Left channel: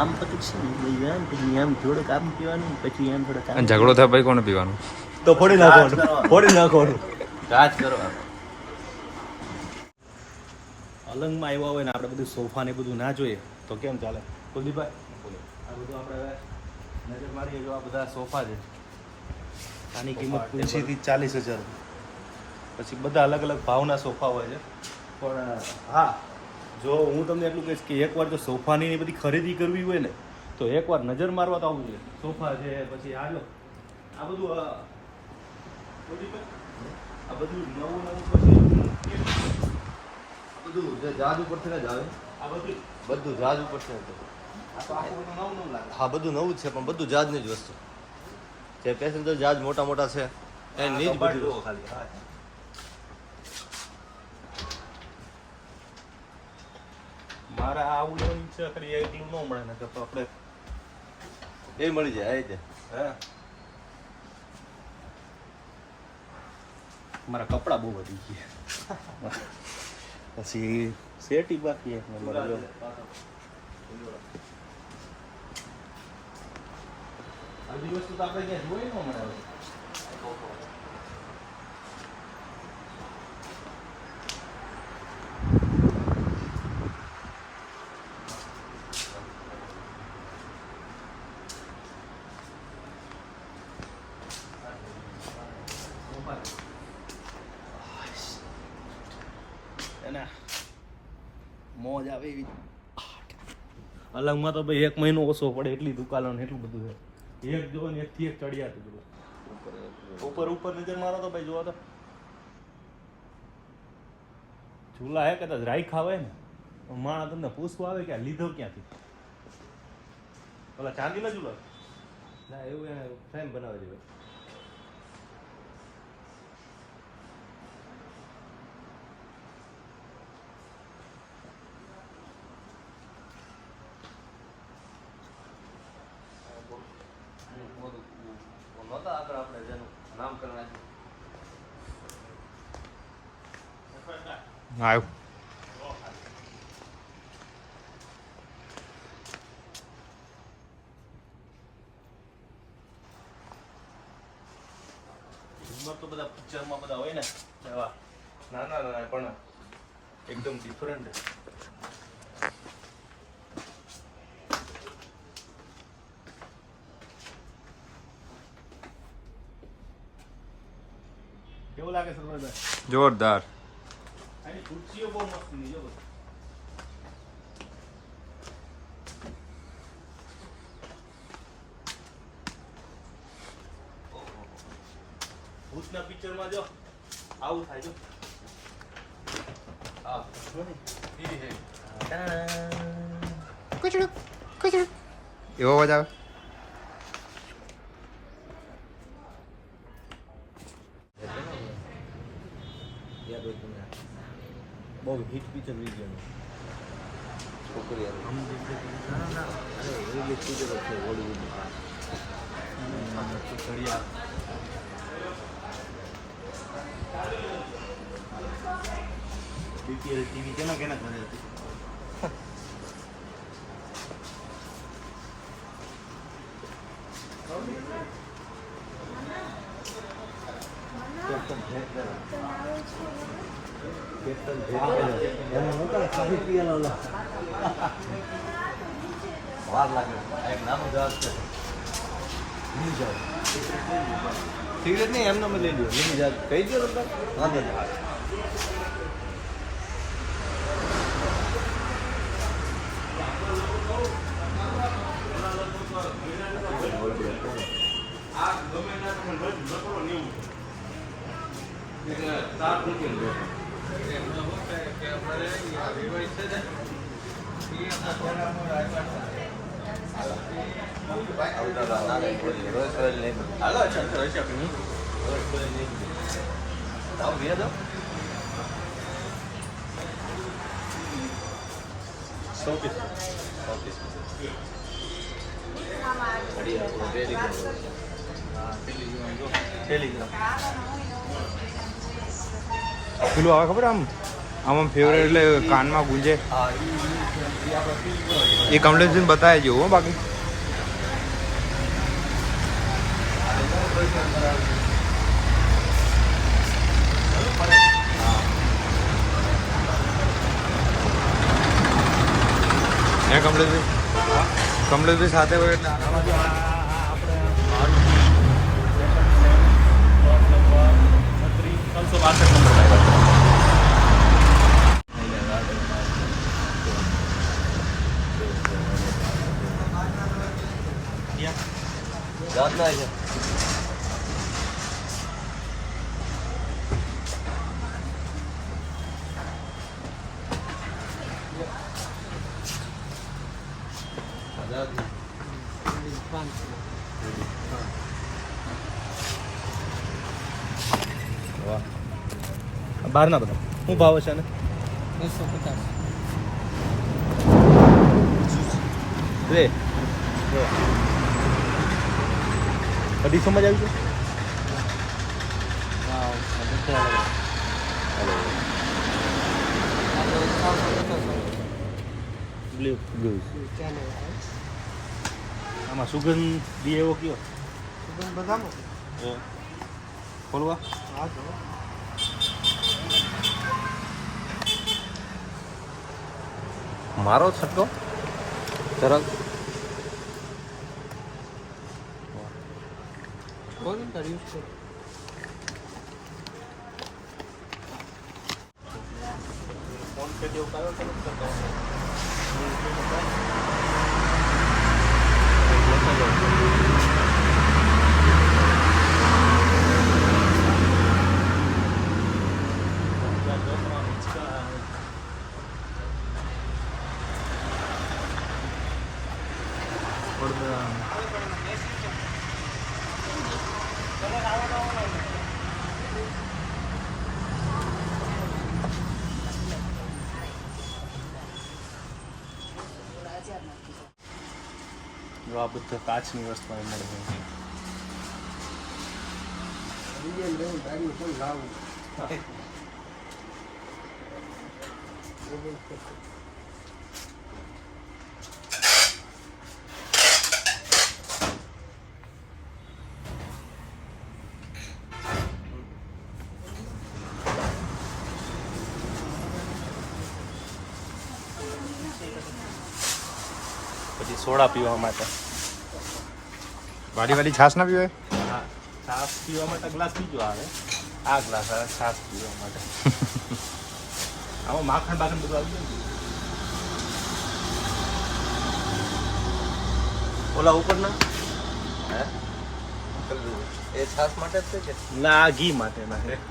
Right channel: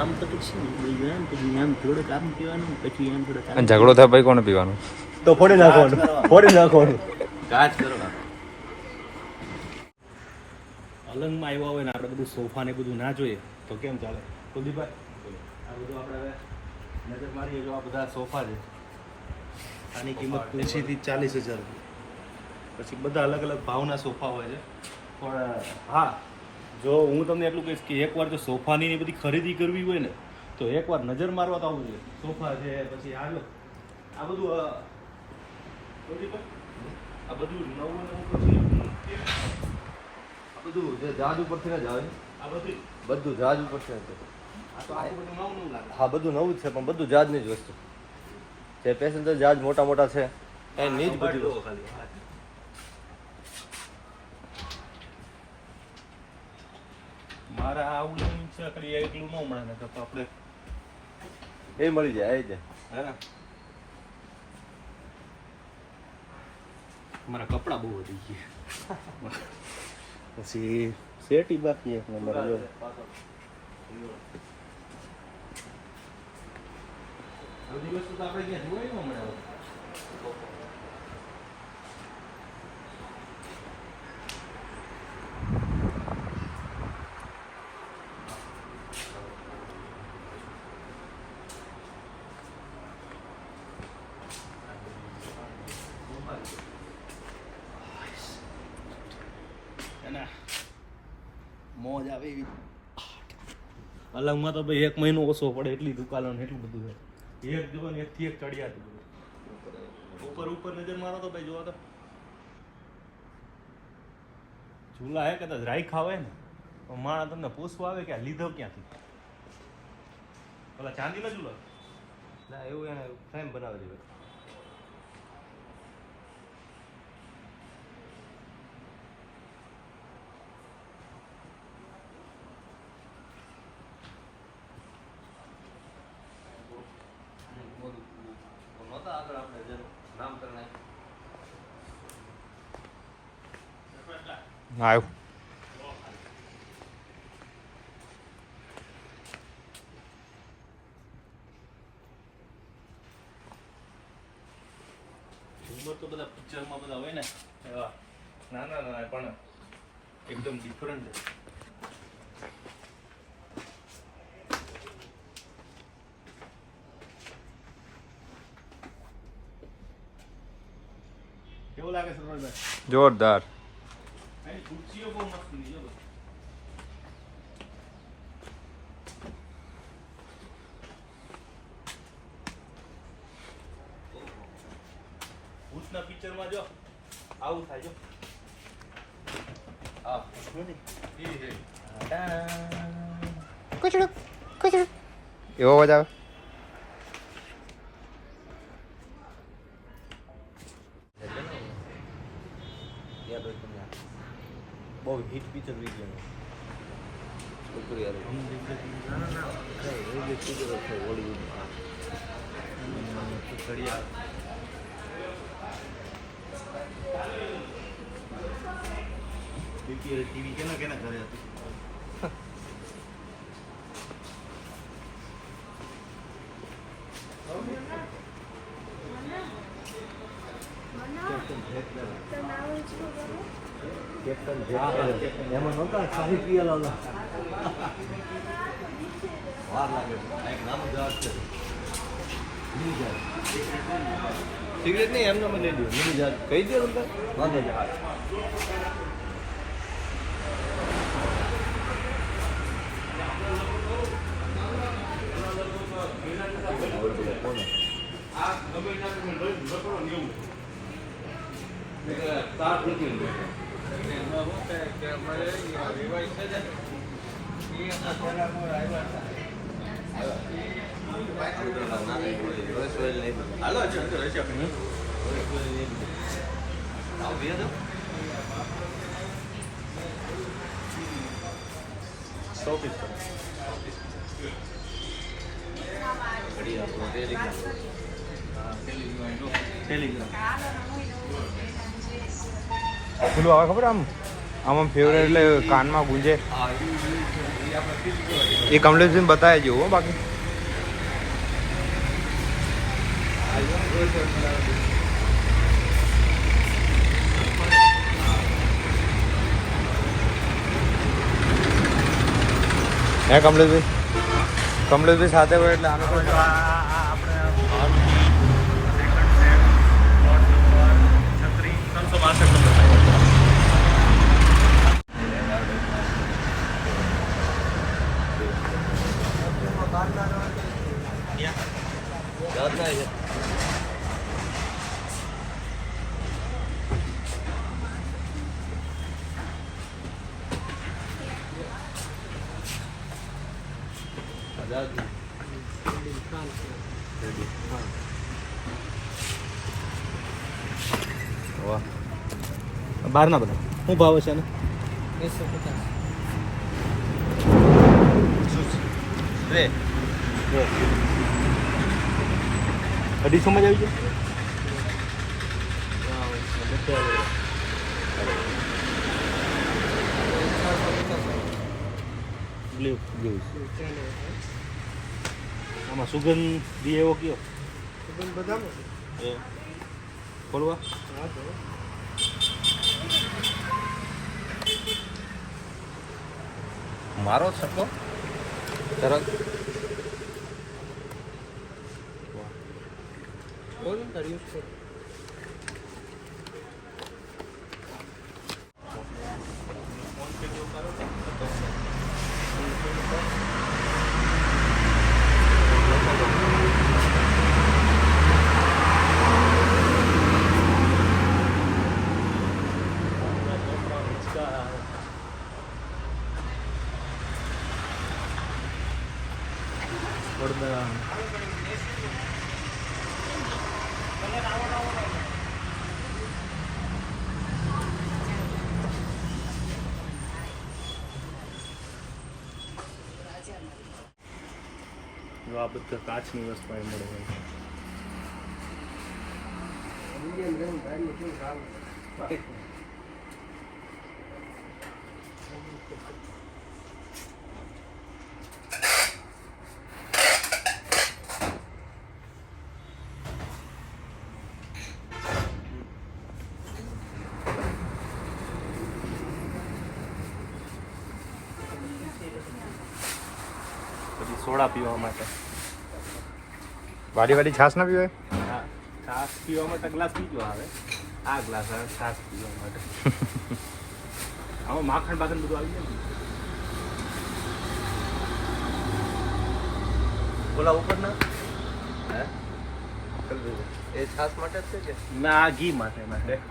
આમ તો પછી આમ પછી આમ થોડુંક આમ પીવાનું પછી આમ થોડુંક આમ અને ઝઘડો થાય ભાઈ કોને પીવાનું? તો ફોડી નાખવાનું ફોડી નાખવાનું. કાચ કરવાનું અલંગમાં આવ્યા હોય ને આપણે બધું સોફા ને બધું ના જોઈએ તો કેમ ચાલે? કુલદીપભાઈ આ બધું આપણે હવે નજર મારીએ જો આ બધા સોફા છે. આની કિંમત પંચીથી ચાલીસ હજાર. પછી બધા અલગ અલગ ભાવના સોફા હોય છે. પણ હા જો હું તમને એટલું કહીશ કે એકવાર જો સોફાની એ બધી ખરીદી કરવી હોય ને તો એકવાર નજર મારવા તો આવવું જોઈએ. સોફા છે પછી આ જો આ બધું આ બધું નવું નવું બધું જે જહાજ ઉપરથી ને જ આવે. આ બધું. બધું જહાજ ઉપરથી જ આ બધું નવું નવું હા બધું નવું જ છે પણ બધું જહાજની જ વસ્તુ. જે પેસેન્જર જહાજ મોટા મોટા છે એ નીચ બધું. ખાલી. મારે આવું એવું છે ખાલી એકલું ન મળે ને તો આપણે એ મળી જાય જ હા. મારા કપડા બહુ વધી ગયા. પછી શેટી બાકી એક નંબર જો. આ બધી વસ્તુ તો આપણે ક્યાં જોઈ ન મળે હવે. એના મોજ આવે એવી. અલગમાં તો ભાઈ એક મહિનો ઓછો પડે એટલી દુકાનો ને એટલું બધું છે. એક જો ને એકથી એક ચડિયાતું બધું. ઉપર ઉપર નજર મારો તો ભાઈ જોવા તો ચૂલા હે કદાચ રાઈ ખાવે ને માણસ તમને પૂછવા આવે કે આ લીધો ક્યાંથી? પેલા ચાંદીનો ચૂલો? ના એવું એને ફ્રેમ બનાવે છે નહોતા આગળ આપણે જેનું નામકરણ આવ્યું. ઝુમર તો બધા પિક્ચરમાં બધા હોય ને. એવા. નાના નાના પણ એકદમ ડિફરન્ટ લાગે સરવાળભાઈ જોરદાર. આની ખુરશીઓ બહુ મસ્તની જો ભૂતના પિક્ચરમાં જો આવું થાય જો. હા. ઈ રહી. એવો અવાજ આવે? બહુ હિટ પિક્ચર હોલીવુડમાં બીપીએલ ટીવી કેના કેના ઘરે હતી એમાં નહોતા સાહિત્ય ઓલા વાર લાગે છે. આ એક નાનું જહાજ છે મિની જહાજ સિગરેટ નહીં, એમને મને લઈ લો મિની જહાજ કહી દો તમને વાંધો નહીં. આવે Thank હતા પેલું આવે ખબર આમ? આમ ફેવરેટ એટલે કાનમાં ગુંજે. એ કમલેશભાઈ બતાવી જેવું બાકી. હે કમલેશભાઈ કમલેશભાઈ સાથે હોય એટલે આનો ત્રણસો બાસઠ નંબર રાતના છે બહાર ના બધા. શું ભાવ છે ને રે. અઢીસોમાં જ આવી ગયો? બ્લુ બ્લુ આમાં સુગંધ બી એવો કયો? એ. ખોલવા? મારો છક્કો તરત આ બધું કાચની વસ્તુ અહીં મળે છે. સોડા પીવા માટે. વાડી વાડી છાશ ના પીવાય? હા છાશ પીવા માટે ગ્લાસ બીજો આવે. આ ગ્લાસ આવે છાશ પીવા માટે. આમાં માખણ બાખણ બધું આવી જાય. ઓલા ઉપર ના એ છાસ માટે છે કે? ના ઘી માટે ના છે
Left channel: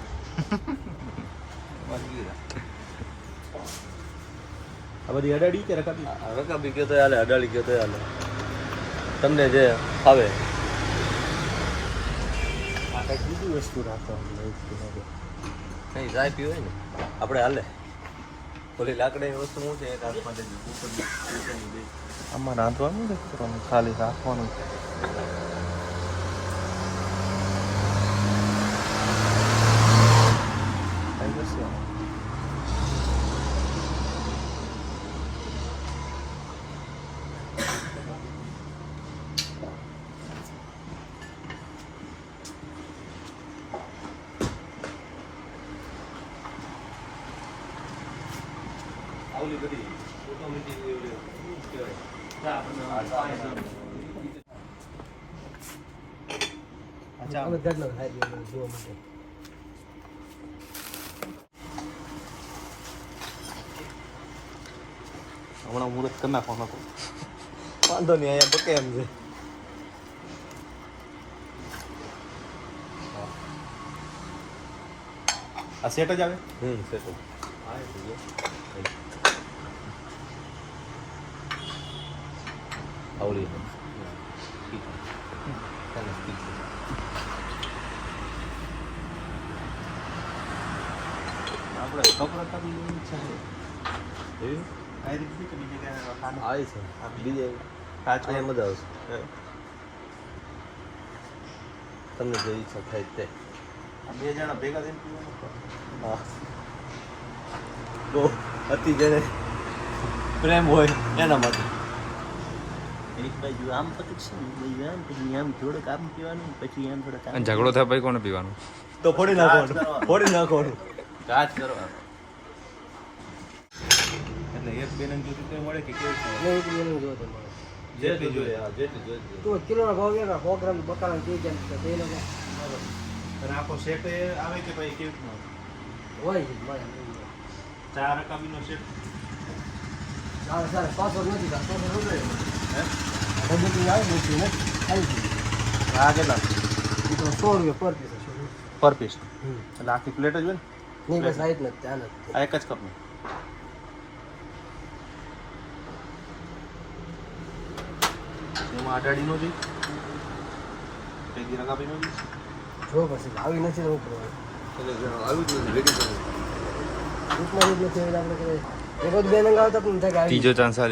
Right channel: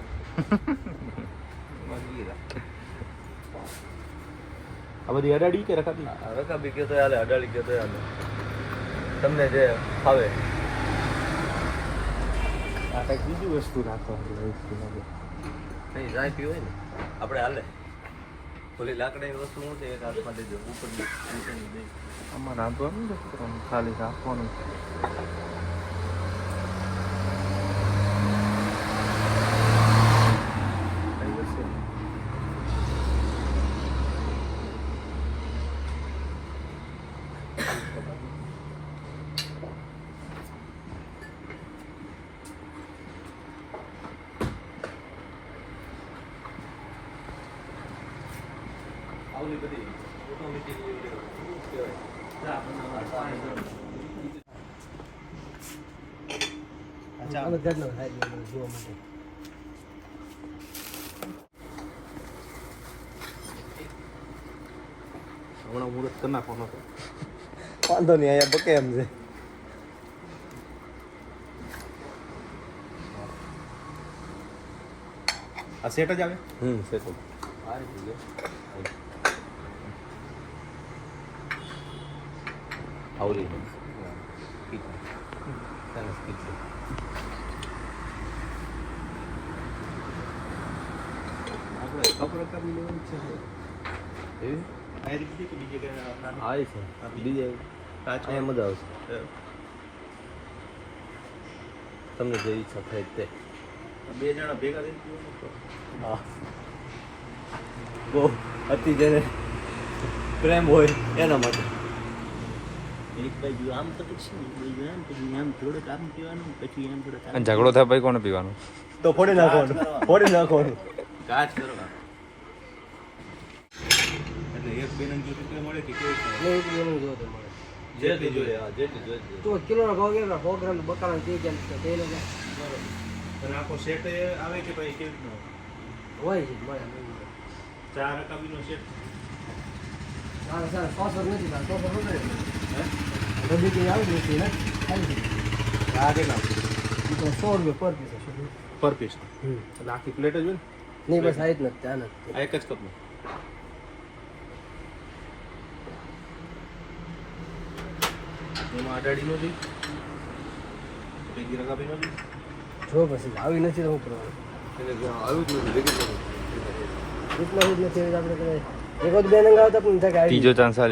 આ બધી અડાડી કે રકાબી? રકાબી બી કહેતો હાલે અડાડી કહેતો હાલે. તમને જે આવે. આ કઈ બીજું વસ્તુ રાખો નહીં જાય હોય ને? આપણે હાલે. ઓલી લાકડાની વસ્તુ મૂકે એક હાથ માટે જો ઉપરની નીચેની બે. આમાં રાંધવાનું નથી ખાલી રાખવાનું આવલી બધી અચ્છા હમણાં મુહૂર્ત કરી નાખવાનો હતો વાંધો નહીં અહીંયા બકે એમ છે આ સેટ જ આવે હમ છે ઠીક ચાલો આપણે ખબર કરી લેવું છે એવી આ રીતે કે બીજે રાખવાનું? આવે છે બીજે કાચ અહીંયા મજા આવશે તમને જે ઈચ્છા થાય તે બે જણા ભેગા થઈને પીવાનું તો અતિ જેને પ્રેમ હોય એના માટે એક બાજુ આમ તો પછી આમ પછી આમ થોડુંક આમ પીવાનું પછી આમ થોડુંક અને ઝઘડો થાય ભાઈ કોને પીવાનું? તો ફોડી નાખવાનું ફોડી નાખવાનું. કાચ કરવા એટલે એક બે નંગ જોતી તો મળે કે કેવી છે? એક એનું જોતો મળે. જેટલી જોઈએ હા જેટલી જોઈએ તો કિલોનો ભાવ કેટલો? સો ગ્રામ બકાલા તે જેમ કે તે લોકો અને આખો સેટ આવે કે ભાઈ કેવી રીતનું? હોય છે મળે. ચાર રકાબીનો સેટ? ચાર ચાર સોફર નથી ચાર સોફર નથી. હે બુકિંગ આવી છે ને આવી ગઈ આ કેટલા એ તો સો રૂપિયા પર પીસ પર પીસ. એટલે આખી પ્લેટ જ હોય ને નહીં બસ આ જ નથી આ નથી આ એક જ કપની એમાં અઢાડીનો જોઈએ પેગી રકાબીનો જોઈએ જો પછી આવી નથી તો શું કરવું જો આવી ગયું ભેગી કરી નથી આપણે કદાચ એક બે નંગ આવતા પણ આવી ત્રીજો ચાન્સ આ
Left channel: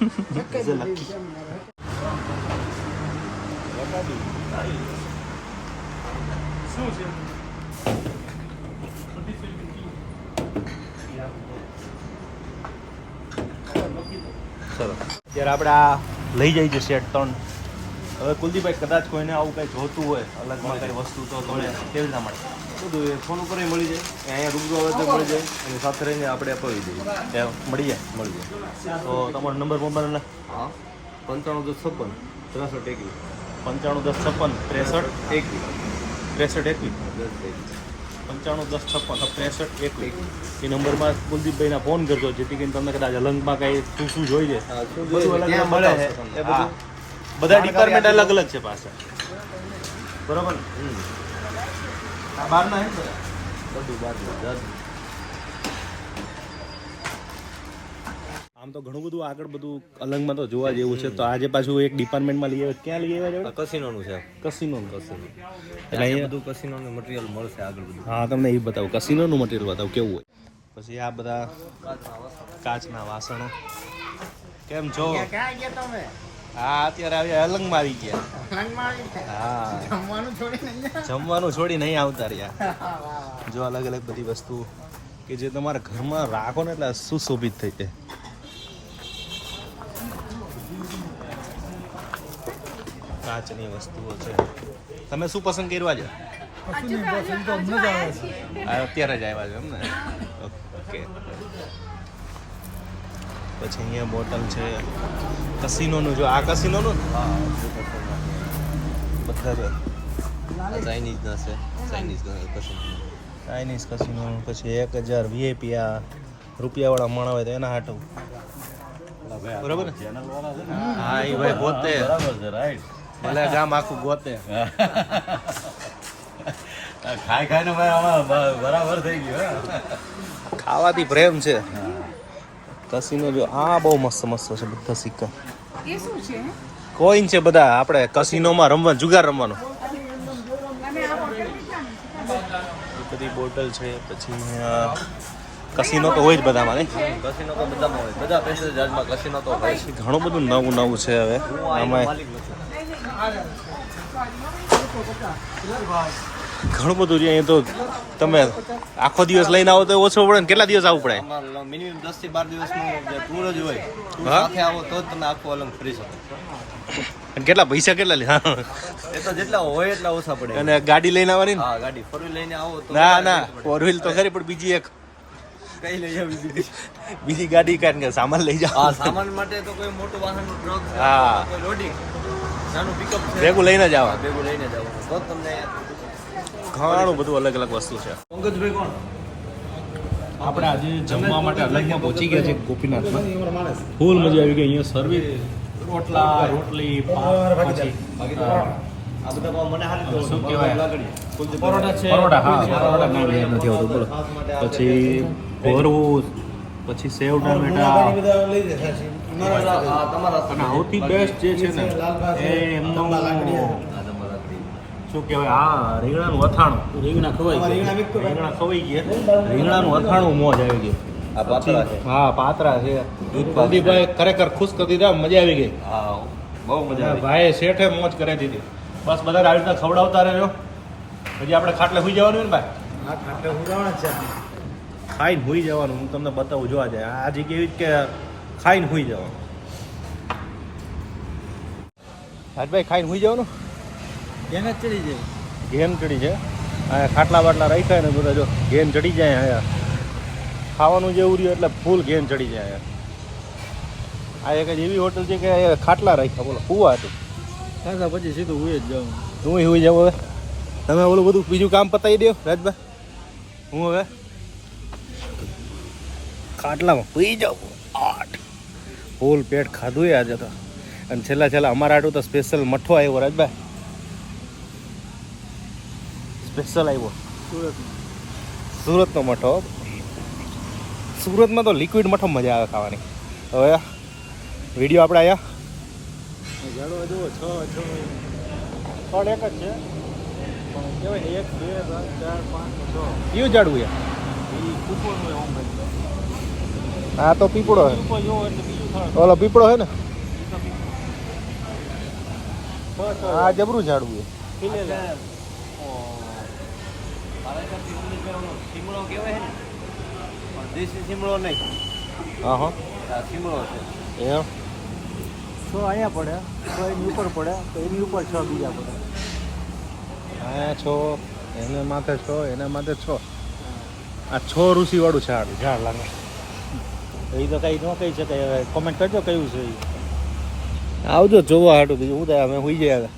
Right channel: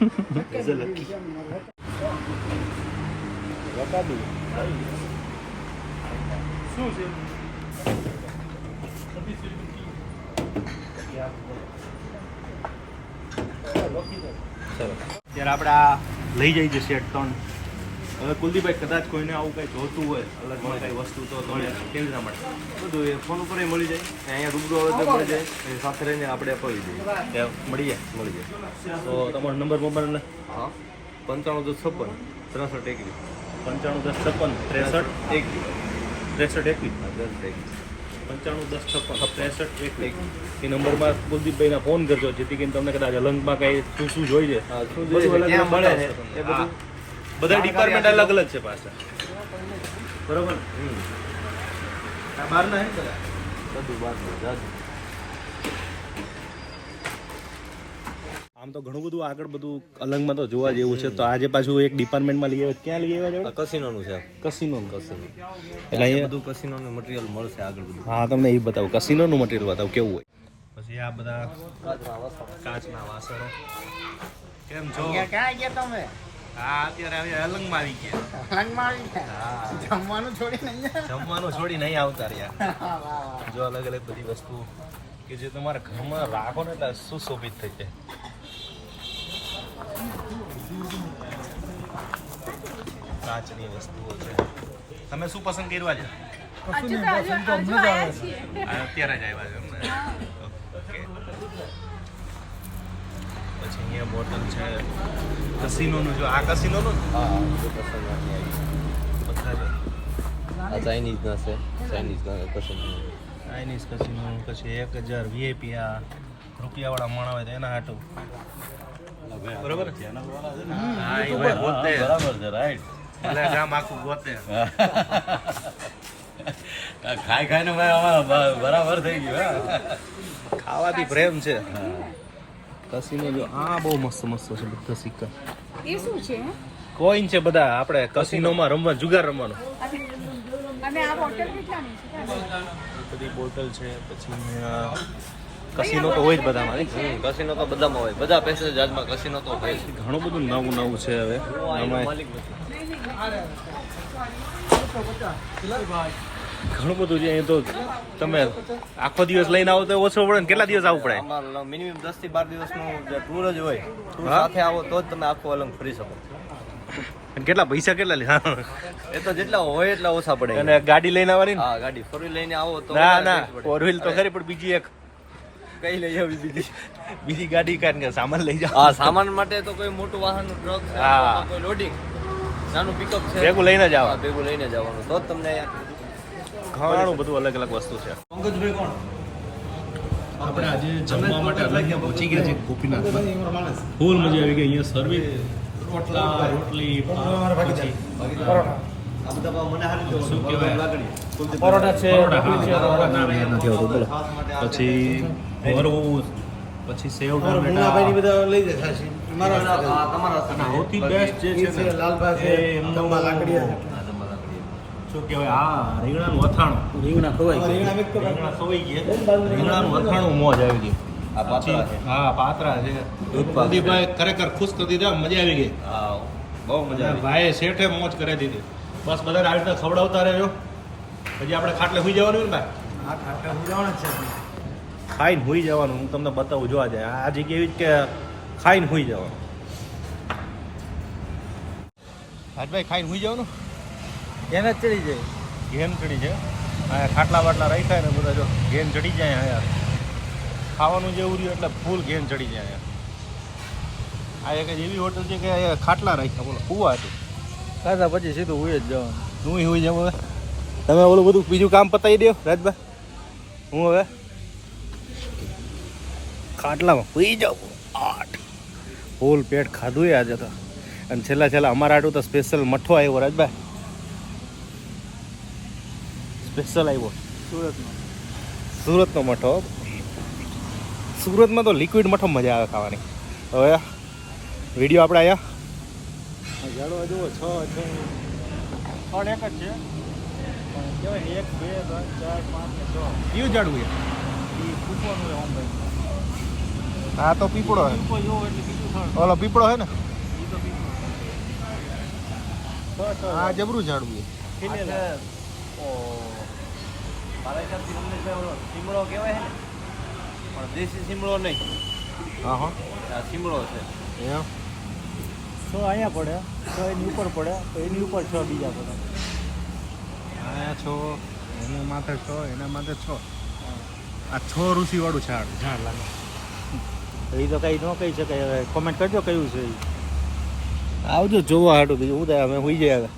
લ્યો જ્યારે આપણે આ લઈ જઈએ છીએ સેટ ત્રણ હવે કુલદીપભાઈ કદાચ કોઈને આવું કંઈક જોતું હોય અલગ કંઈ વસ્તુ તો મળે કેવી રીતના મળે? બધું એ ફોન ઉપર મળી જાય. અહીંયા રૂબરૂ આવે તો મળી જાય. અને સાથે રહીને આપણે અપાવી દઈએ મળી જાય મળી જાય. તો તમારો નંબર મોબાઈલ હા. પંચાણું દસ છપ્પન ત્રેસઠ એકવીસ. પંચાણું દસ છપ્પન ત્રેસઠ એકવીસ. ત્રેસઠ એકવીસ? દસ એકવીસ. પંચાણું દસ છપ્પન ત્રેસઠ એક એક એ નંબરમાં કુલદીપભાઈને ફોન કરજો જેથી કરીને તમને કદાચ અલંગમાં કાંઈ શું શું છે બધું જોઈએ અલગ મળે છે એ બધું. બધા ડિપાર્ટમેન્ટ અલગ અલગ છે પાછા બરોબર ને? બહારના હે બધું? જાજુ આમ તો ઘણું બધું આગળ બધું અલંગમાં તો જોવા જેવું છે. તો આજે પાછું એક ડિપાર્ટમેન્ટમાં લઈ આવ્યા. ક્યાં લઈ આવ્યા આ કસિનોનું છે. કસિનો કસિનો એટલે એટલે અહીંયા બધું કસિનોનું મટીરિયલ મળશે આગળ બધું. હા તમને એ બતાવું. કસિનોનું મટીરિયલ બતાવું કેવું હોય. પછી આ બધા કાચના વાસણો. કેમ છો? ક્યાં ગયા તમે? હા અત્યારે આવી અલંગમાં આવી ગયા હા. જમવાનું છોડી નહીં જમવાનું છોડી નહીં આવતા રહ્યા. જો અલગ અલગ બધી વસ્તુ કે જે તમારા ઘરમાં રાખો ને એટલે સુશોભિત થઈ જાય. કાચની વસ્તુઓ છે. તમે શું પસંદ કરવા છે અત્યારે જ આવ્યા છો એમ ને? ઓકે. પછી અહીંયા બોટલ છે. કસિનોનું જો આ કસીનોનું બધા જો ચાઇનીઝના છે ચાઇનીઝના કસિનો ચાઇનીઝ કસિનો પછી એક હજાર વીઆઈપી આ રૂપિયાવાળા માણા હોય તો એના હાટું. બરોબર? હા એ ભાઈ ગોતે. બરાબર છે રાઈટ ભલે ગામ આખું ગોતે. ખાઈ ખાઈને ભાઈ અમારે બરાબર થઈ ગયું ખાવાથી પ્રેમ છે. કસિનો જો આ બહુ મસ્ત મસ્ત છે બધા સિક્કા. એ શું છે? કોઈન છે બધા આપણે કસીનોમાં રમવા જુગાર રમવાનો. અને આ બોટલ કેટલાની છે? એ બધી બોટલ છે પછી કસીનો તો હોય જ બધામાં નહીં? કસીનો તો બધામાં હોય. બધા પેસેન્જર જહાજમાં કસીનો તો હોય. ઘણું બધું નવું નવું છે હવે. આમાં ઘણું બધું છે અહીંયા તો તમે આખો દિવસ લઈને આવો તો ઓછો પડે ને કેટલા દિવસ આવવું પડે? મિનિમમ દસથી બાર દિવસનું જે ટૂર જ હોય સાથે આવો તો જ તમે આખો અલંગ ફરી શકો. અને કેટલા પૈસા કેટલા લે? એ તો જેટલા હોય એટલા ઓછા પડે. અને ગાડી લઈને આવવાની? હા ગાડી. ફોર વ્હીલ લઈને આવો તો ના ના. ફોર વ્હીલ તો ખરી પણ બીજી એક. કઈ લઈ આવી બીજી? બીજી ગાડી કારણ કે સામાન લઈ જાઓ. હા સામાન માટે તો કોઈ મોટું વાહન ટ્રક હા. કોઈ લોડિંગ નાનું પિકઅપ છે. ભેગું લઈને જ આવવાનું ભેગું લઈને જવાનું તો તમને ઘણું બધું અલગ અલગ વસ્તુ છે. પંકજભાઈ કોણ? આપણે આજે જમવા માટે અલગમાં પહોંચી ગયા છે ગોપીનાથમાં. ફૂલ મજા આવી ગઈ અહીંયા સર્વિસ રોટલા રોટલી પછી આ બધા મને હારી શું કહેવાય? લાગણી પરોઠા છે પરોઠા હા પરોઠા નામ યાદ નથી આવતું બોલો. પછી ભરવું પછી સેવ બધા લઈ જાય સૌથી બેસ્ટ જે છે એ એમનું દંબા લાકડીયા શું કહેવાય? હા રીંગણાનું અથાણું. રીંગણા ખવાય રીંગણા રીંગણા ખવાઈ ગયા. રીંગણાનું અથાણું મોજ આવી ગયું પછી હા પાતરા છે. પ્રદીપભાઈ ખરેખર ખુશ કરી દીધા મજા આવી ગઈ. હા બહુ મજા આવી. ભાઈએ શેઠે મોજ કરી દીધી. બસ બધા આવી રીતના ખવડાવતા રહેજો. પછી આપણે ખાટલે સુઈ જવાનું ને ભાઈ હા ખાટે હું જવાના છે ખાઈને હોઈ જવાનું. હું તમને બતાવું જોવા જાય. આ જગ્યા એવી જ કે ખાઈને હોઈ જવાનું. રાજભાઈ ખાઈને હોઈ જવાનું? એને જ ચડી જાય. ગેમ ચડી જાય. અને ખાટલા બાટલા રહી જાય ને જોડે જો ગેમ ચડી જાય હવે ખાવાનું જેવું રહ્યું એટલે ફૂલ ગેમ ચડી જાય આ એક જ એવી હોટલ છે કે ખાટલા રાખ્યા બોલો કુવા હતી ખાધા પછી સીધું હોય જ જવાનું. હું હોઈ જાઉં હવે. તમે ઓલું બધું બીજું કામ પતાવી દો રાજભાઈ હું હવે ખાટલામાં પી જાઉં. આઠ. ફૂલ પેટ ખાધું એ આજે તો. અને છેલ્લા છેલ્લા અમારા આટું તો સ્પેશિયલ મઠો આવ્યો રાજભાઈ સ્પેશિયલ આવ્યો. સુરતમાં. સુરતનો મઠો. સુરતમાં તો લિક્વિડ મઠો મજા આવે ખાવાની. હવે વીડિયો આપણે આવ્યા ઝાડવા જુઓ છ છ. પણ એક જ છે. એક બે કયું છ. આ તો પીપળો હે. ઓલો પીપળો હે ને. આ જબરું ઝાડવું છે રમેશભાઈ ઓલો શીમળો કહેવાય છે ને પણ દેશી શીમળો નહીં. હા હા આ છે. છ અહીંયા પડે છ એની ઉપર પડે તો એની ઉપર છ બીજા પડે. આ છો એના માથે છો એના માથે છો. આ છો ઋષિવાળું ઝાડ ઝાડ લાગે. એ તો કંઈ ન કહી શકાય. હવે કોમેન્ટ કરજો કયું છે એ આવજો જોવા હાટું બીજું. હું અમે હોઈ જાય